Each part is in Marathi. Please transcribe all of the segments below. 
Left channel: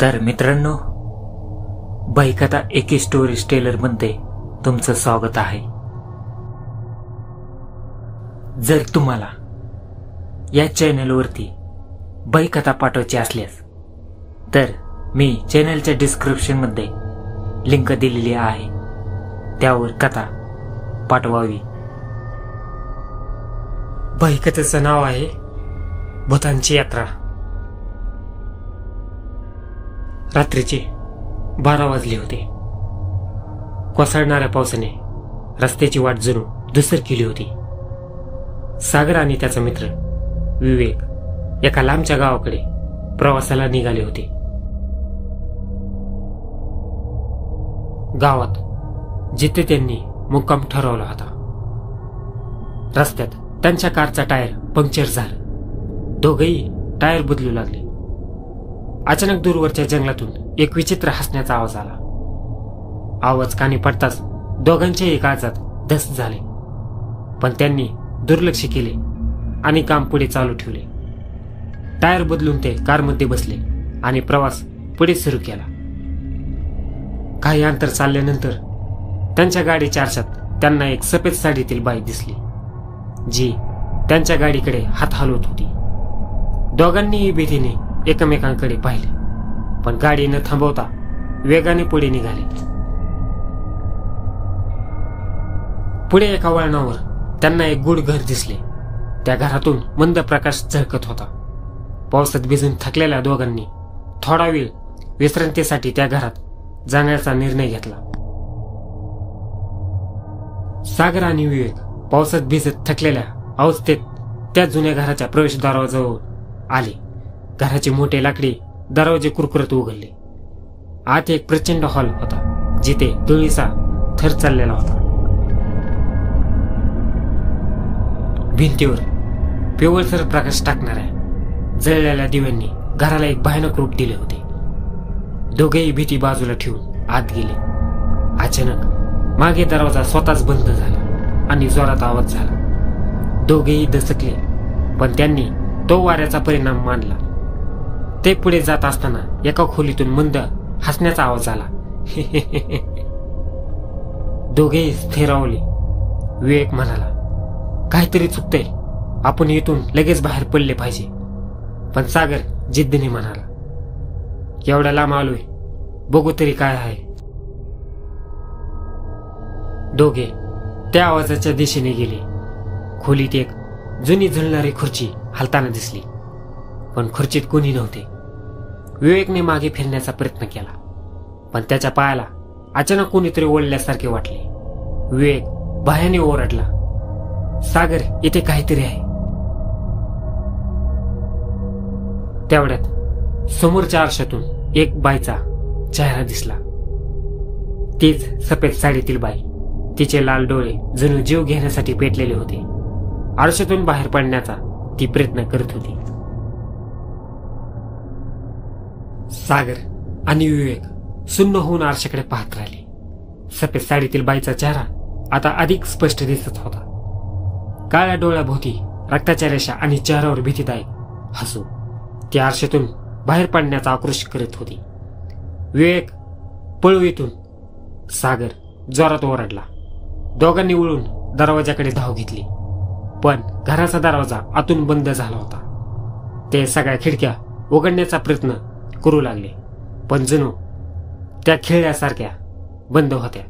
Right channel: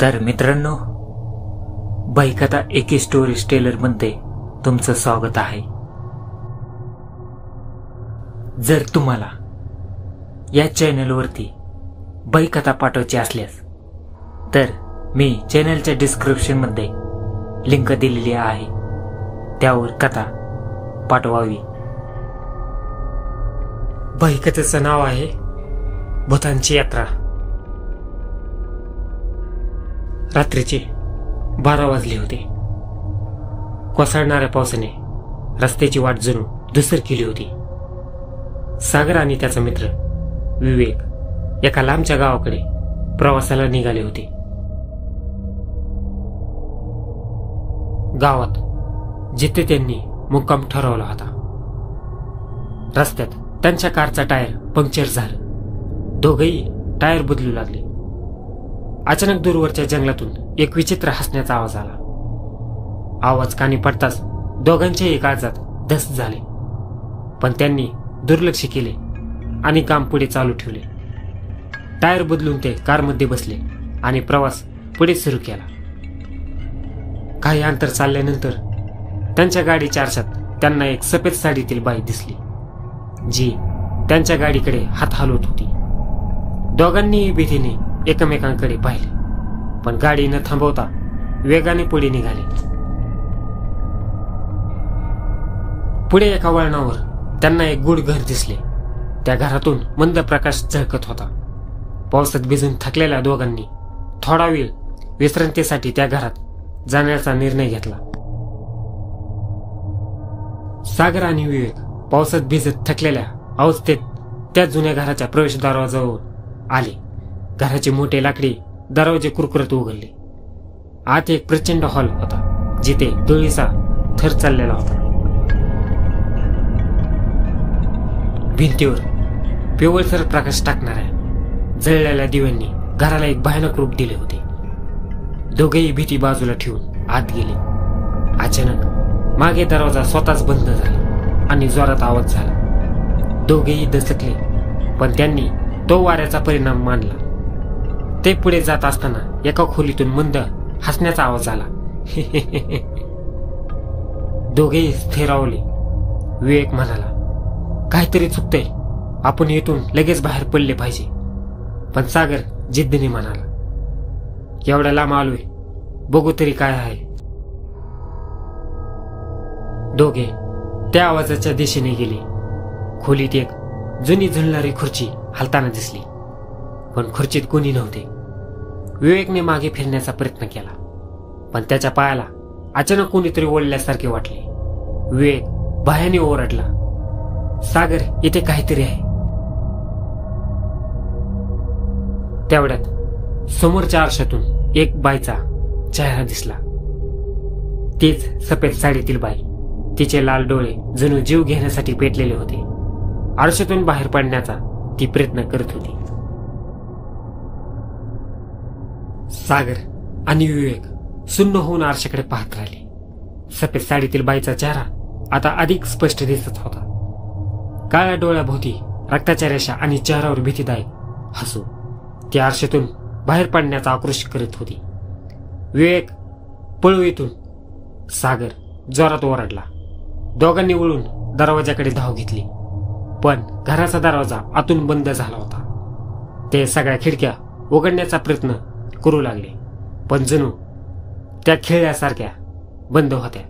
तर मित्रांनो, बाईकथा एकी स्टोरी टेलर मध्ये तुमचं स्वागत आहे. जर तुम्हाला या चॅनलवरती बाईकथा पाठवायची असल्यास तर मी चॅनलच्या डिस्क्रिप्शन मध्ये लिंक दिलेली आहे, त्यावर कथा पाठवावी. बाईकथेचं नाव आहे भूतांची यात्रा. रात्रीचे 12 वाजले होते. कोसळणाऱ्या पावसाने रस्त्याची वाट जणू धूसर केली होती. सागर आणि त्याचा मित्र विवेक एका लांबच्या गावाकडे प्रवासाला निघाले होते. गावात जिथे त्यांनी मुक्काम ठरवला होता, रस्त्यात त्यांच्या कारचा टायर पंक्चर झालं. दोघेही टायर बदलू लागले. अचानक दूरवरच्या जंगलातून एक विचित्र हसण्याचा आवाज आला. आवाज कानी पडताच दोघांच्याही काळजात धस झाले, पण त्यांनी दुर्लक्ष केले आणि काम पुढे चालू ठेवले. टायर बदलून ते कारमध्ये बसले आणि प्रवास पुढे सुरू केला. काही अंतर चालल्यानंतर त्यांच्या गाडीच्या आरशात त्यांना एक सफेद साडीतील बाई दिसली, जी त्यांच्या गाडीकडे हात हलवत होती. दोघांनीही भीतीने एकमेकांकडे पाहिले, पण गाडी न थांबवता वेगाने पुढे निघाले. पुढे एका वळणावर त्यांना एक गूढ घर दिसले. त्या घरातून मंद प्रकाश झळकत होता. पावसात भिजून थकलेल्या दोघांनी थोडा वेळ विश्रांतीसाठी त्या घरात जाण्याचा निर्णय घेतला. सागर आणि विवेक पावसात भिजत थकलेल्या अवस्थेत त्या जुन्या घराच्या प्रवेशद्वाराजवळ आले. घराचे मोठे लाकडी दरवाजे कुरकुरत उघडले. आत एक प्रचंड हॉल होता, जिथे धुळीचा थर चाललेला होता. भिंतीवर पिवळसर प्रकाश टाकणाऱ्या जळलेल्या दिव्यांनी घराला एक भयानक रूप दिले होते. दोघेही भीती बाजूला ठेवून आत गेले. अचानक मागे दरवाजा स्वतःच बंद झाला आणि जोरात आवाज झाला. दोघेही दचकले, पण त्यांनी तो वाऱ्याचा परिणाम मानला. ते पुढे जात असताना एका खोलीतून मंद हसण्याचा आवाज आला. दोघेही स्थिरावले. विवेक म्हणाला, काहीतरी चुकतंय, आपण इथून लगेच बाहेर पडले पाहिजे. पण सागर जिद्दीने म्हणाला, एवढ्या लांब आलोय, बघू तरी काय आहे. दोघे त्या आवाजाच्या दिशेने गेले. खोलीत एक जुनी झुलणारी खुर्ची हलताना दिसली, पण खुर्चीत कोणी नव्हते. विवेकने मागे फिरण्याचा प्रयत्न केला, पण त्याच्या पायाला अचानक कोणीतरी ओढल्यासारखे वाटले. विवेक भयाने ओरडला, सागर, इथे काहीतरी आहे. तेवढ्यात समोरच्या आरशातून एक बाईचा चेहरा दिसला. तीच सफेद साडीतील बाई. तिचे लाल डोळे जणू जीव घेण्यासाठी पेटलेले होते. आरशातून बाहेर पडण्याचा ती प्रयत्न करत होती. सागर आणि विवेक सुन्न होऊन आरशाकडे पाहत राहिले. सफेद साडीतील बाईचा चेहरा आता अधिक स्पष्ट दिसत होता. काळ्या डोळ्याभोवती रक्ताच्या रेषा आणि चेहऱ्यावर भीतीदायक हसू. ती आरशातून बाहेर पडण्याचा आक्रोश करत होती. विवेक, पळू इथून, सागर जोरात ओरडला. दोघांनी वळून दरवाजाकडे धाव घेतली, पण घराचा दरवाजा आतून बंद झाला होता. ते सगळ्या खिडक्या उघडण्याचा प्रयत्न करू लागले, पण जणू त्या खिळल्यासारख्या बंद होत्या.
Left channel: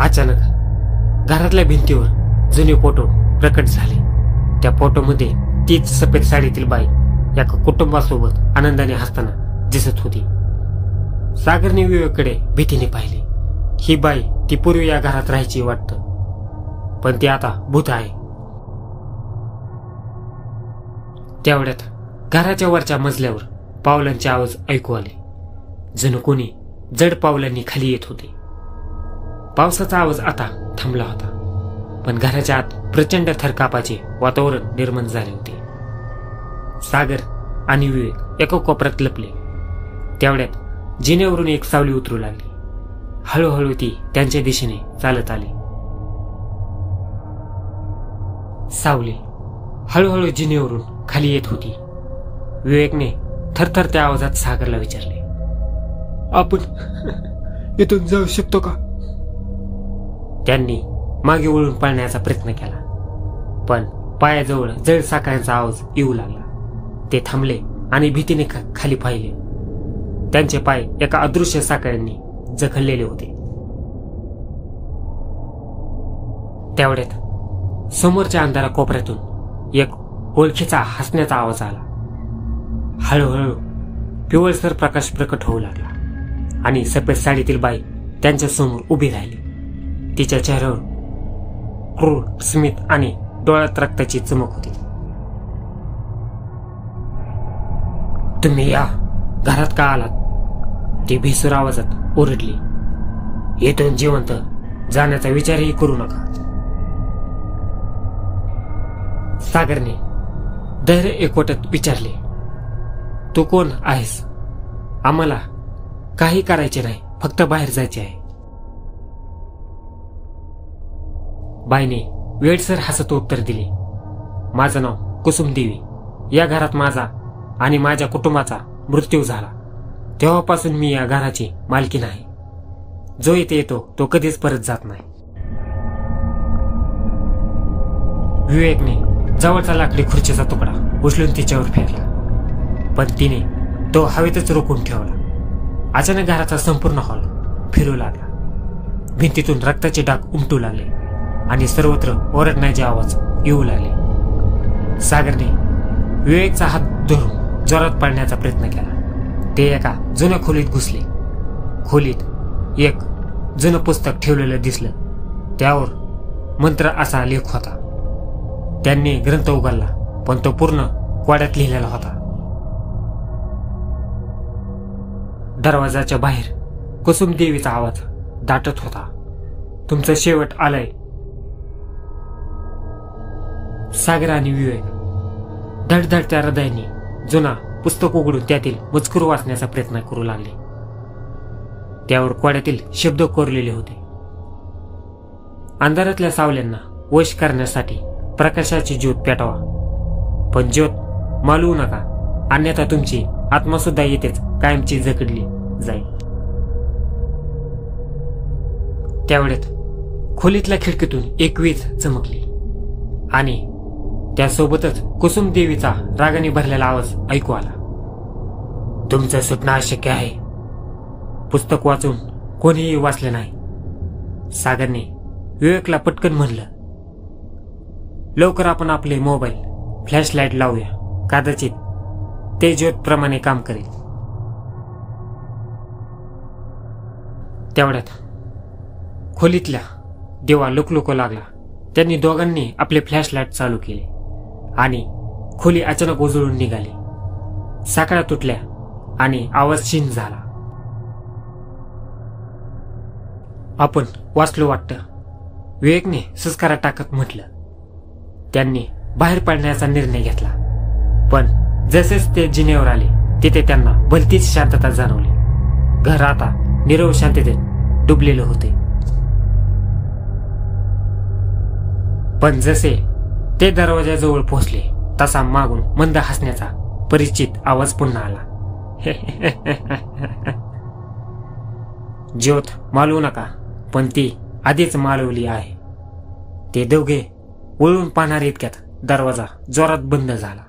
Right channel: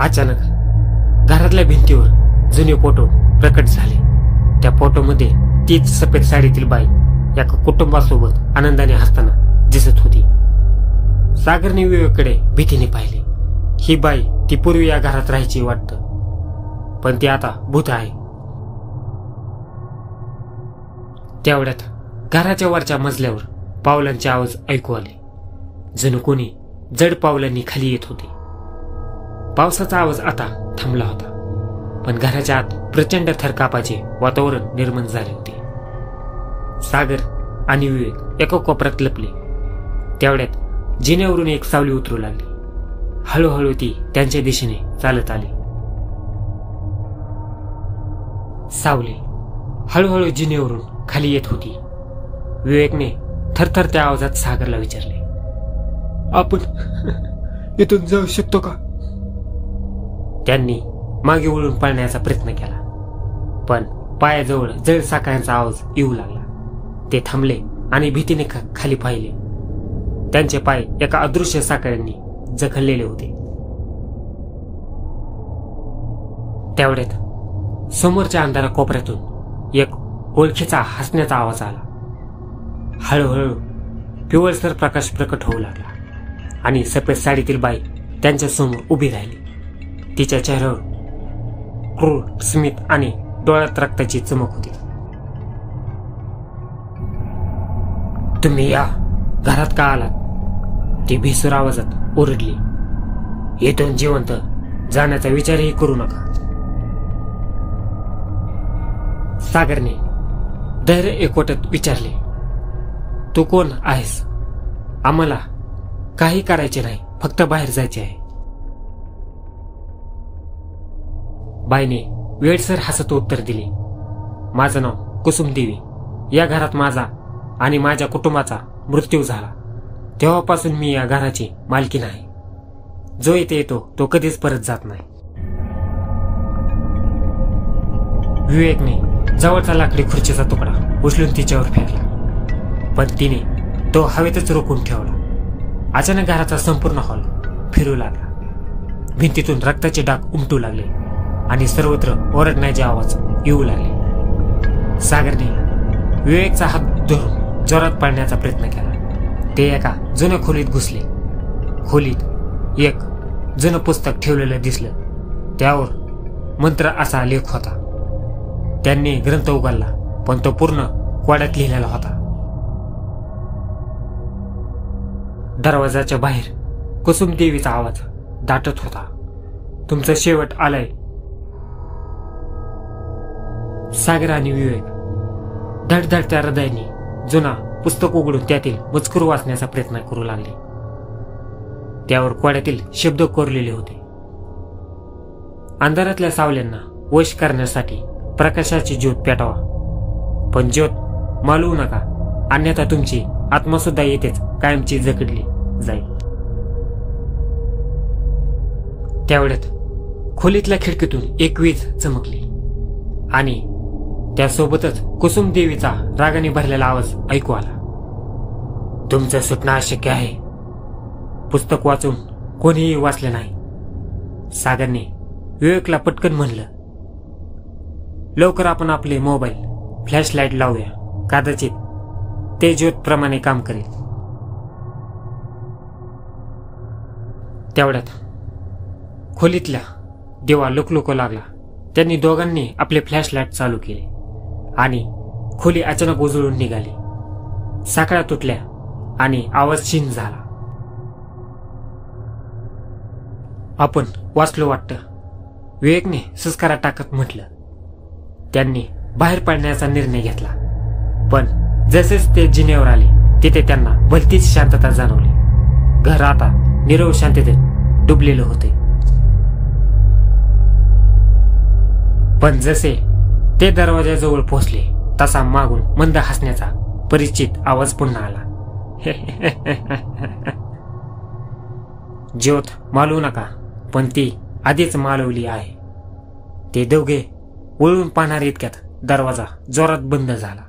अचानक घरातल्या भिंतीवर जुने फोटो प्रकट झाले. त्या फोटोमध्ये तीच सफेद साडीतील बाई एका कुटुंबासोबत आनंदाने हसताना दिसत होती. सागरने विवेककडे भीतीने पाहिले. ही बाई ती पूर्वी या घरात राहायची वाटतं, पण ती आता भूत आहे. तेवढ्यात घराच्या वरच्या मजल्यावर पावलांचे आवाज ऐकू आले. जणू कोणी जड पावलांनी खाली येत होते. पावसाचा आवाज आता थांबला होता, पण घराच्या आत प्रचंड थरकापाचे वातावरण निर्माण झाले होते. सागर आणि विवेक एका कोपऱ्यात लपले. तेवढ्यात जिन्यावरून एक सावली उतरू लागली. हळूहळू ती त्यांच्या दिशेने चालत आली. सावली हळूहळू जिन्यावरून खाली येत होती. विवेकने थरथरत्या आवाजात सागरला विचारले, आपण इथून जाऊ शकतो का? त्यांनी मागे वळून पळण्याचा प्रयत्न केला, पण पायाजवळ जड साखळ्यांचा आवाज येऊ लागला. ते थांबले आणि भीतीने खाली पाहिले. त्यांचे पाय एका अदृश्य साखळ्यांनी जखडलेले होते. तेवढ्यात समोरच्या अंधारा कोपऱ्यातून एक ओळखीचा हसण्याचा आवाज आला. हळूहळू पिवळसर प्रकाश प्रकट होऊ लागला आणि सफेद साडीतील बाई त्यांच्या समोर उभी राहिली. तिच्या चेहऱ्यावर क्रूर स्मित आणि डोळ्यात रक्ताची चमक होती. तुम्ही या घरात का आलात? ती भेसूर आवाजात ओरडली. येथून जिवंत जाण्याचा विचारही करू नका. सागरने धैर्य एकवटत विचारले, तू कोण आहेस? आम्हाला काही करायचे नाही, फक्त बाहेर जायचे आहे. बाईने वेडसर हसत उत्तर दिले, माझं नाव कुसुम देवी. या घरात माझा आणि माझ्या कुटुंबाचा मृत्यू झाला. तेव्हापासून मी या घराची मालकीण आहे. जो इथे येतो तो कधीच परत जात नाही. विवेकने जवळचा लाकडी खुर्चीचा तुकडा उचलून तिच्यावर फेकला, पण तिने तो हवेतच रोखून ठेवला. अचानक घराचा संपूर्ण हॉल फिरू लागला. भिंतीतून रक्ताचे डाग उमटू लागले आणि सर्वत्र ओरडण्याचे आवाज येऊ लागले. सागरने विवेकचा हात धरून जोरात पळण्याचा प्रयत्न केला. ते एका जुन्या खोलीत घुसले. खोलीत एक जुनं पुस्तक ठेवलेलं दिसलं. त्यावर मंत्र असा लेख होता. त्यांनी ग्रंथ उघडला, पण तो पूर्ण कोड्यात लिहिलेला होता. दरवाजाच्या बाहेर कुसुम देवीचा आवाज दाटत होता, तुमचं शेवट आलंय. सागर आणि विवेक धडधडत्या हृदयाने जुना पुस्तक उघडून त्यातील मजकूर वाचण्याचा प्रयत्न करू लागले. त्यावर कोड्यातील शब्द कोरलेले होते. अंधारातल्या सावल्यांना वश करण्यासाठी प्रकाशाची ज्योत पेटवा, पण ज्योत मालवू नका, अन्यथा तुमची आत्मा सुद्धा येतेच कायमची जखडली जाईल. तेवढ्यात खोलीतल्या खिडकीतून एक वीज चमकली आणि त्यासोबतच कुसुम देवीचा रागाने भरलेला आवाज ऐकू आला, तुमचं सुटणं अशक्य आहे. पुस्तक वाचून कोणीही वाचलं नाही. सागरने विवेकला पटकन म्हणलं, लवकर आपण आपले मोबाईल फ्लॅशलाईट लावूया, कदाचित ते ज्योतप्रमाणे काम करेल. तेवढ्यात खोलीतल्या दिवा लुकलुकू लागला. त्यांनी दोघांनी आपले फ्लॅशलाईट चालू केले आणि खोली अचानक उजळून निघाली. साखळ्या तुटल्या आणि आवाज क्षीण झाला. आपण वाचलो वाटतं, विवेकने सुस्कारा टाकत म्हटलं. त्यांनी बाहेर पडण्याचा निर्णय घेतला, पण जसेच ते जिन्यावर आले तिथे त्यांना भलतीच शांतता जाणवली. घर आता नीरव शांततेत डुबलेलं होते. पण जसे ते दरवाजाजवळ पोहोचले तसा मागून मंद हसण्याचा परिचित आवाज पुन्हा आला. ज्योत मालवू नका, पण ती आधीच मालवली आहे. ते दोघे वळून पाहणार इतक्यात दरवाजा जोरात बंद झाला.